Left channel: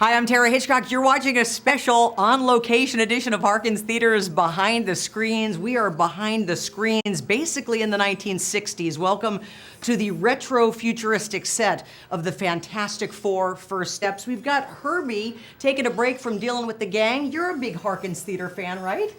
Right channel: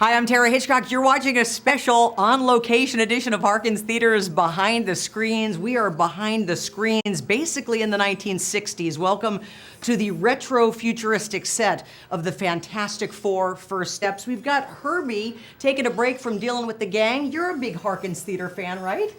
Hi, I'm Tara Hitchcock. You're watching a special on-location edition of Harkins Theater's Behind the Screens. We are behind the screens, basically in the 1960s. Welcome to the retro-futuristic set of the Fantastic Four First Steps. We've got Herbie taking a break from dealing with the gang. You're a big Harkins Theater fan, right?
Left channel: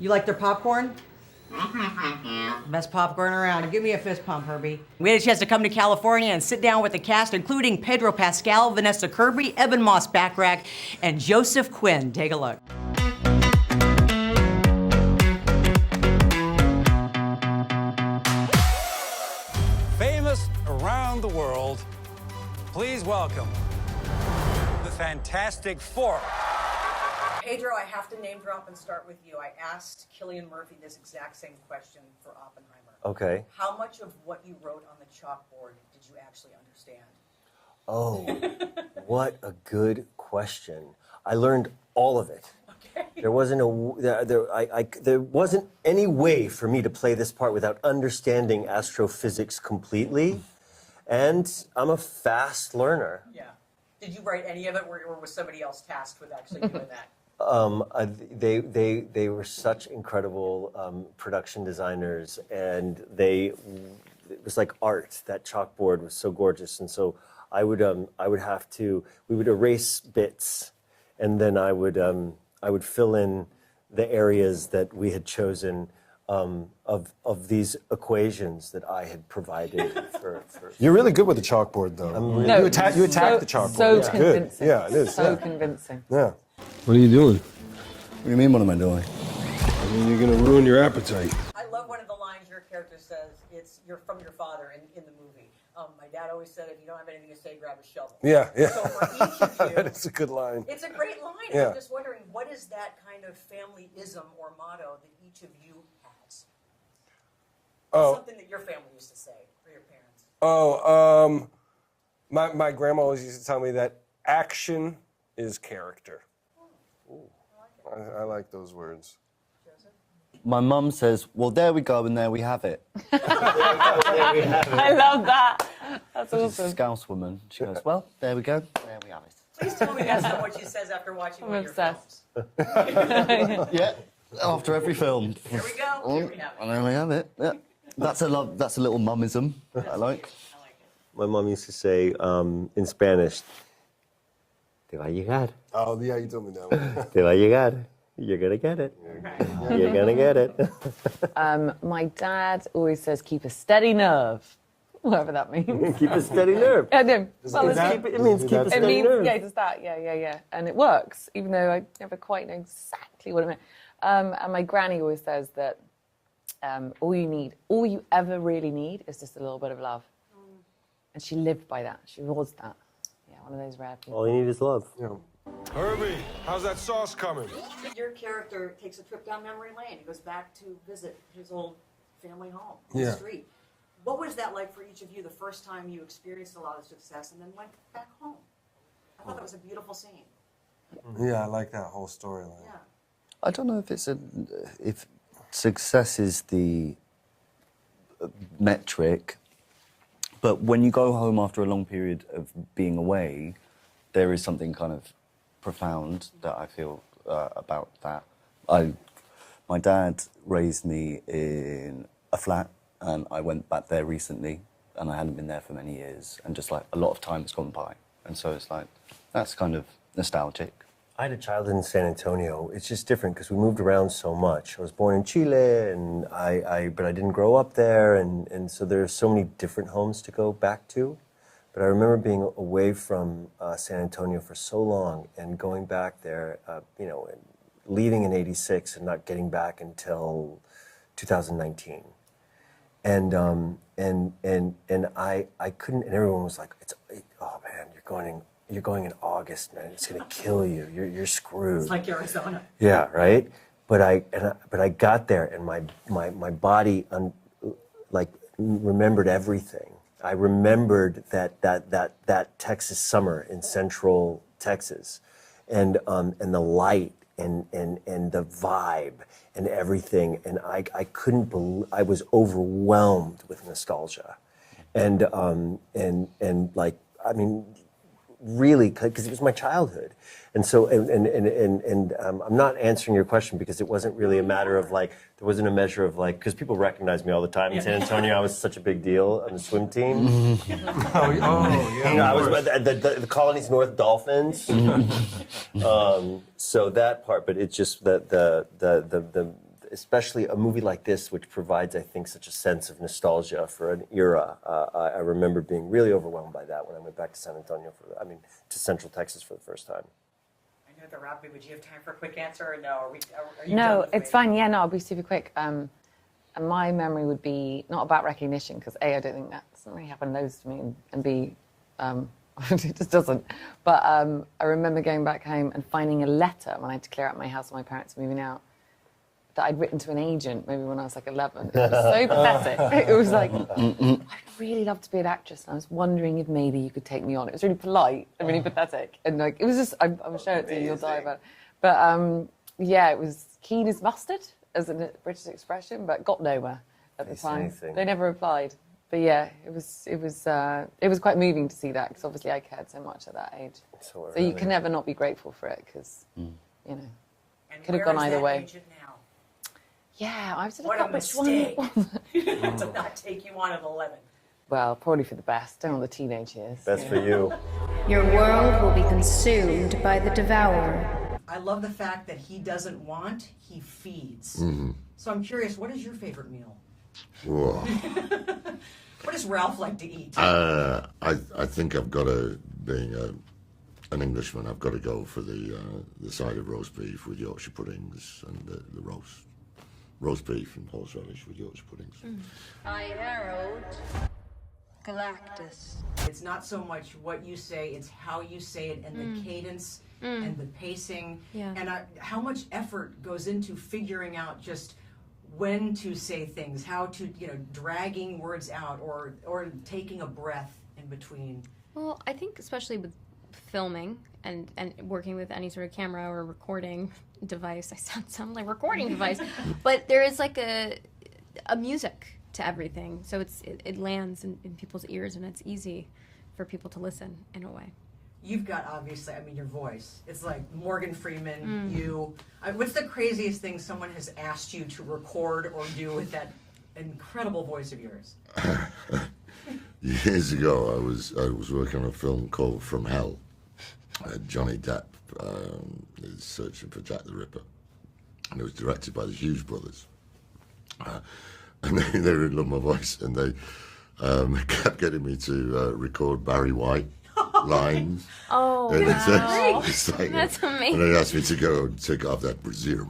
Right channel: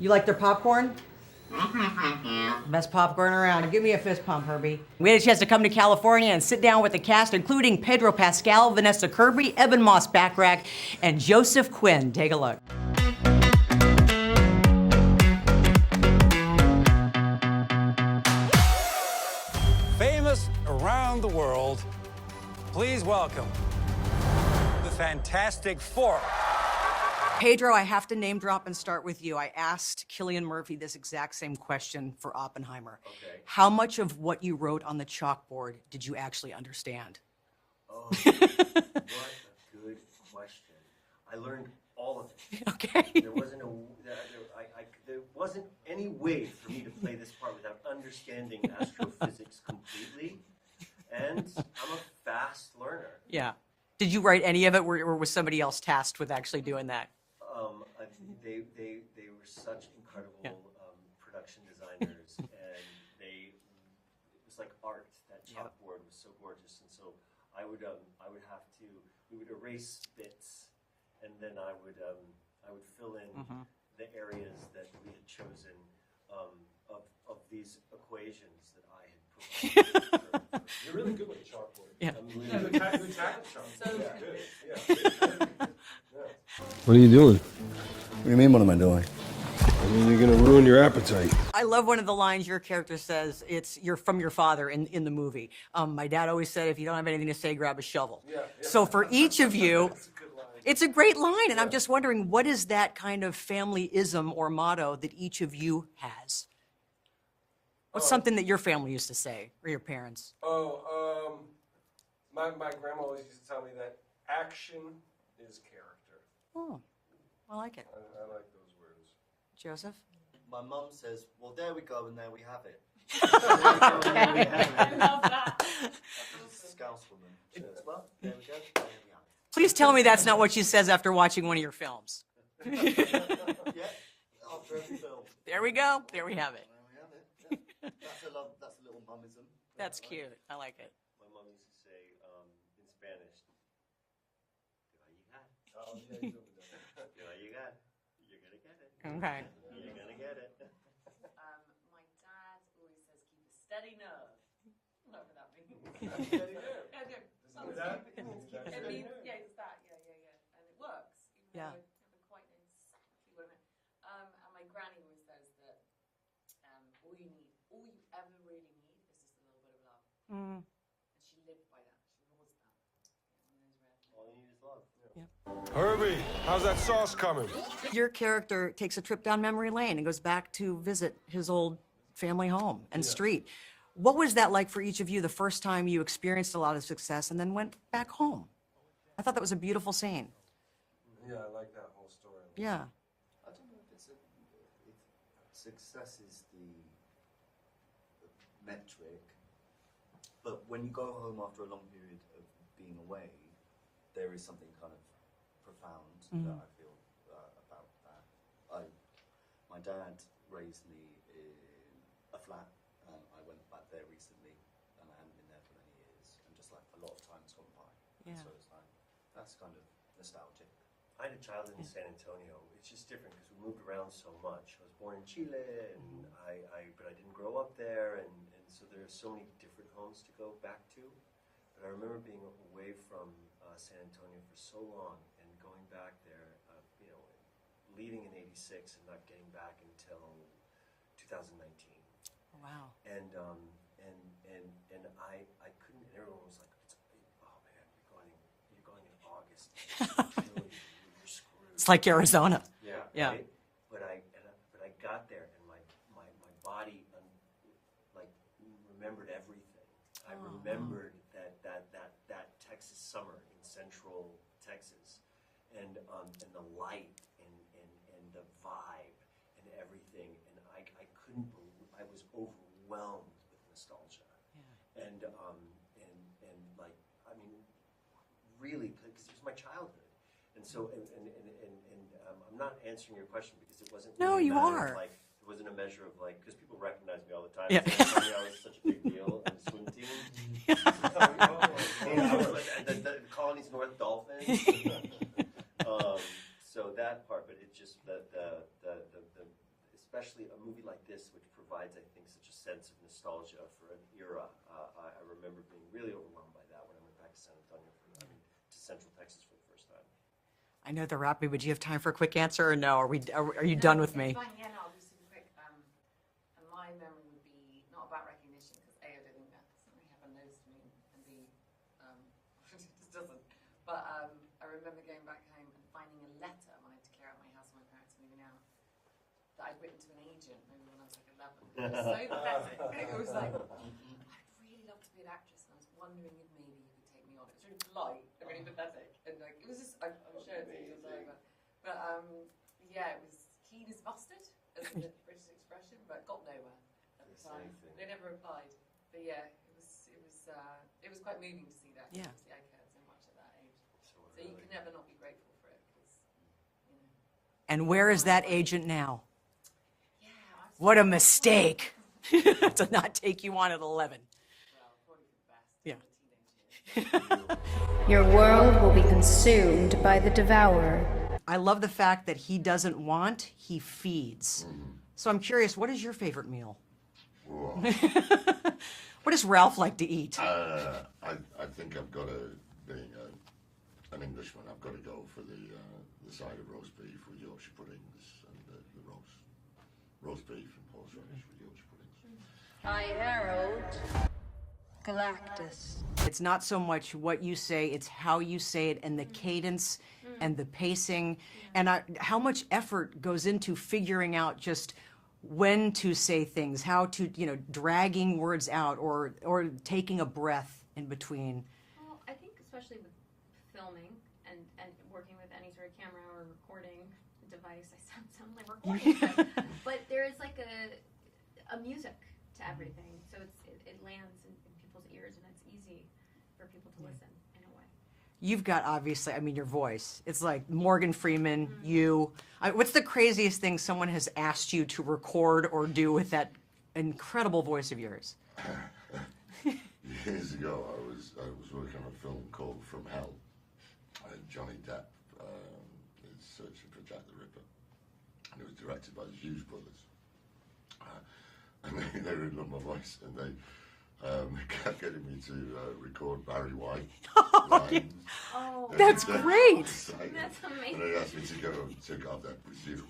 You like their popcorn? Best popcorn around. Give me a fist pump, Herbie. We had a chance to come to California and sit down with the cast, including Pedro Pascal, Vanessa Kirby, Ebon Moss-Bachrach, and Joseph Quinn. Take a look. Famous around the world, please welcome the Fantastic Four. Pedro, I have to name drop and start with you. I asked Cillian Murphy this exact same question for Oppenheimer. Okay. How much of what you wrote on the chalkboard did you actually understand? Oh, what a good question. I learned all of it. Okay. There wasn't there wasn't any way for me to play this part without understanding astrophysics completely, and I'm a fast learner. Yeah. Did you write any of it, or was somebody else tasked with actually doing that? They were such incredible production designers, and it was like art. That chalkboard was so gorgeous, and so we would erase bits, and then I would fill in the areas that we had chosen of these equations that I had provided. for You're really good with the chalkboard, though. No, you attack the chalkboard. So It's good. convincing. Yeah, it is. So convincing. Yeah. What are you doing? What do you mean, what am I doing? I mean, you're gonna ruin your appetite. I love one of the lines your character says. You're from your father in the movie. My dad always said, if you don't have anything to say, grab a shovel. Yeah. So for each of you, It's a good line. it's a great line, and I'm Yeah. just wondering, what is that kind of family-ism or motto that each of you has? What's something that your family used to say, or your parents? My grandma always used to tell me that action is character. Oh, I like it. I like those words. Joseph? My mum says, well, there we go, and there we have it. I love that. That's She's a awesome. Scouse woman. She goes, well, there we go, there we have it. Please tell me that's not what she says after watching one of your Obsessed. films. Yeah, after every film. There we go. Here we have And it. there we have it. Yeah. That's a little mummism I That's like. cute. I like it. My mom used to say in Spanish, "Te va a llegar, Oh, yeah, you told me that one. te va a llegar. You're gonna get it. You're gonna get it." My dad always says, keep a steady nerve. Whatever that means. Keep a steady nerve. I do. Well, that- it's- It means Does keep a that- steady it means, nerve. yeah, it does that. Yeah. And it works, even though I never quite know exactly what it meant. And my granny always says that all you ever really need is just a little bit of love. And she lived by that. She was that. Yeah, one of those rare people. All you need is love. Herbie, how's that sauce coming? Your character takes a trip down memory lane and goes back to visit his old family home and Yeah. street. What was that like for each of you the first time you experienced a lot of success and then went back home? I thought that was a beautiful scene. Yeah, I like that whole storyline. Yeah. I don't know if success is the metric, but when you go home after a long period of being away, there is something kind of profound that I feel about that. My dad raised me in a flat, and I went back there recently, and I hadn't been there for many years, and just like a lot of time has gone by, and so it's like that's kind of nostalgic. I had a childhood in San Antonio. It's just different because we moved around so much. I was born in Chile, and but I didn't grow up there, and so there's so many different homes to go back to. But I remember being away from San Antonio for so long and going back there, and leaving in '86 and not getting back until 2019. Wow. And I couldn't. And everyone was like, "Oh man, you're going in August, man. It's gonna kill you. You're screwed." It's like Arizona. Yeah, right. But I got there, and my body remembered everything. I remembered that Texas summer in Central Texas, and the light and the vibe and everything, and I couldn't believe. I was overwhelmed with nostalgia, and like, I mean, really, because it was my childhood. And so, I'm not answering your question because it wasn't really No, a you matter of are. like, there wasn't a measure of like, because people recognize me all the time in San Antonio. I was such a big deal on the swim team. I was the Colony's North Dolphins. So that part, but it's just the especially a movie like this, which provides, I think, such a sense of nostalgia for an era. I remember being really overwhelmed by that when I went back to San Antonio to Central Texas for the first time. I know they're wrapping, but do you have time for a quick answer or no? Are you No, done with me? it's fine. Yeah, no, I'll be super quick. And my memory would be not about recognition, because A, I don't think that doesn't really happen loads to me, and B, it just doesn't. But I remember going back home and finding a letter when I had to clear out my house when my parents were moving out, that I'd written to an agent maybe when I was like 11. It was so pathetic. It was like, I'd really love to be an actress, and I was wondering if maybe you could take me on. It was really polite and really pathetic, and like it was just, I will show it to you, you'll die about it. But yeah, it was keen as mustard, as a British expression, but got nowhere at the time. Anything. They never replied. But yeah, it was quite moving to see that, because obviously I cared so much at that age. So You can never not be grateful for it, because you know. And Could've where is gone either that way. agent now? Yeah, I was. What a mistake to not take you on at 11. Well, probably for the best. Don't want the teenage years. That's for you. Your world will be consumed by the devourer. I love the fact that he doesn't want, he feeds. So I'm curious, what is your favorite meal? Whoa. What does Ralph like to eat? I think I've got to, being an Englishman, I've got to go for the side of roast beef with Yorkshire puddings and the roast beef and horseradish with Yorkshire puddings. I herald Galactus. It's not so much what you say, it's how you say it, and the cadence and the pacing, and how much effort goes into figuring out just when to say things, how to, dragging words out or taking a breath in between. Well, I think especially with filming and working with any sort of camera or recording device, I sound like recording device, but there is like a music to everything, so it lands in people's ears, and it's easy for people to listen in a way. You've got, obviously, your voice. It's like Morgan Freeman, you. What's the craziest thing someone has asked you to record or do with that incredible voice of yours? Years ago, I was working on a film called From Hell. Johnny Depp is searching for Jack the Ripper, and it was directed by the Hughes brothers. And they really loved my voice, and they kept getting me to record Barry White lines. Oh, and that's great. It's like, That's amazing. And they asked me to go and take off that brassiere.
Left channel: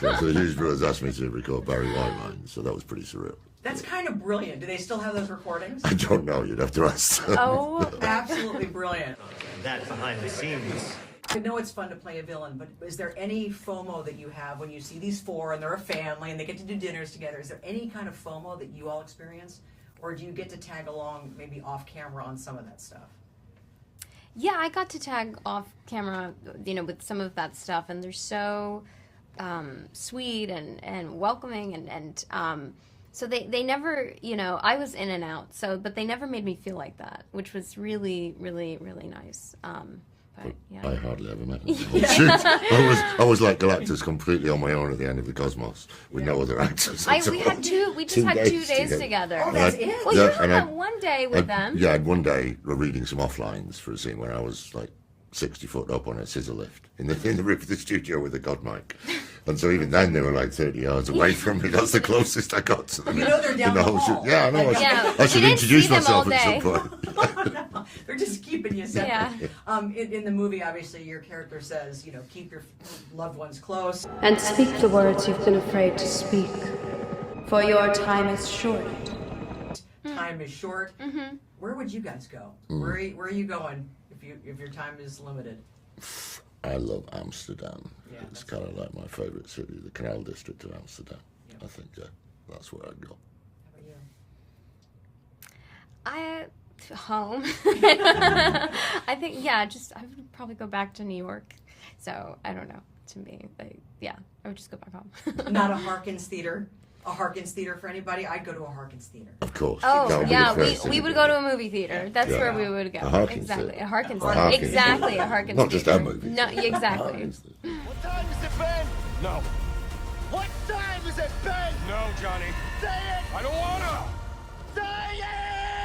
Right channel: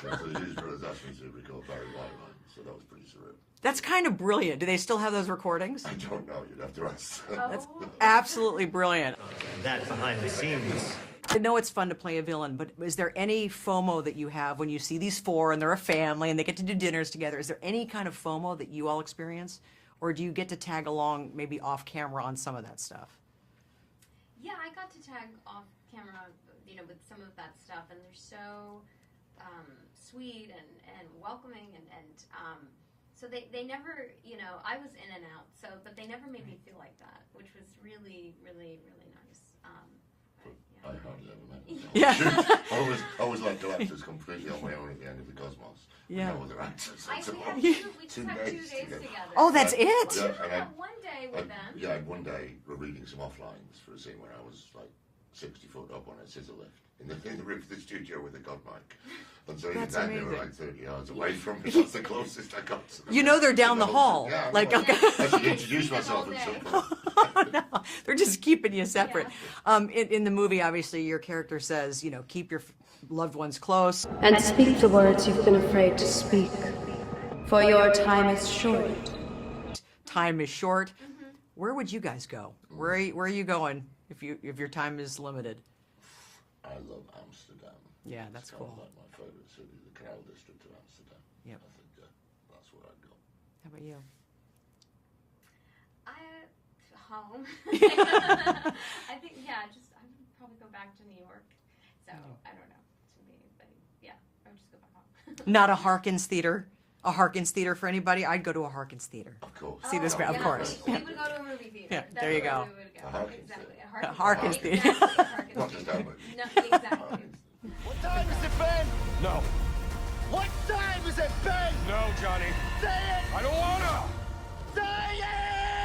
So the Hughes brothers asked me to record Barry White lines, so that was pretty surreal. That's kind of brilliant. Do they still have those recordings? I don't know, you'd have to ask them. Oh, Absolutely brilliant. That behind the scenes. I know it's fun to play a villain, but is there any FOMO that you have when you see these four and they're a family and they get to do dinners together? Is there any kind of FOMO that you all experience? Or do you get to tag along maybe off camera on some of that stuff? yeah, I got to tag off camera, with some of that stuff, and they're so sweet and welcoming, and so they never, I was in and out, but they never made me feel like that, which was really, really, really nice. But yeah. I hardly ever met them. I was like Galactus, completely on my own at the end of the Cosmos with no other actors. We just had 2 days together. Oh, that's it? Well, Yeah, you had and that one day with them. Yeah, I had one day reading some offlines for a scene where I was like 60 foot up on a scissor lift in the roof of the studio with a god mic. And so even then they were like 30 yards away from me. That's the closest I got to them. They're down the hall. Yeah, I know. Like, I should didn't introduce see them myself all at some day. point. No, they're just keeping you separate. Yeah. In the movie, obviously, your character says, keep your loved ones close. And speak the words you've been afraid to speak, for your time is short. Time is short. Where would you guys go? Where are you going if your time is limited? I love Amsterdam. Yeah, it's that's kind of cool. like my favourite city, the Canal District of Amsterdam. I think, that's where I'd go. How about you? Home. I think, I would probably go back to New York. So, I don't know. To me, I would just go back home. Not a Harkins Theater? a Harkins theater for anybody, I'd go to a Harkins theater. Of course. Oh, this That'd guy. be the yeah, first thing we you would do. go to a movie theater. That's there you where go. we would go. A Harkins Exactly, theater. a Harkins A Harkins. theater. Exactly, a Harkins Not just theater. our movies. No, exactly. Harkins theater. What time has it been? No. What time has it been? No, Johnny. Say it! I don't wanna! Say it!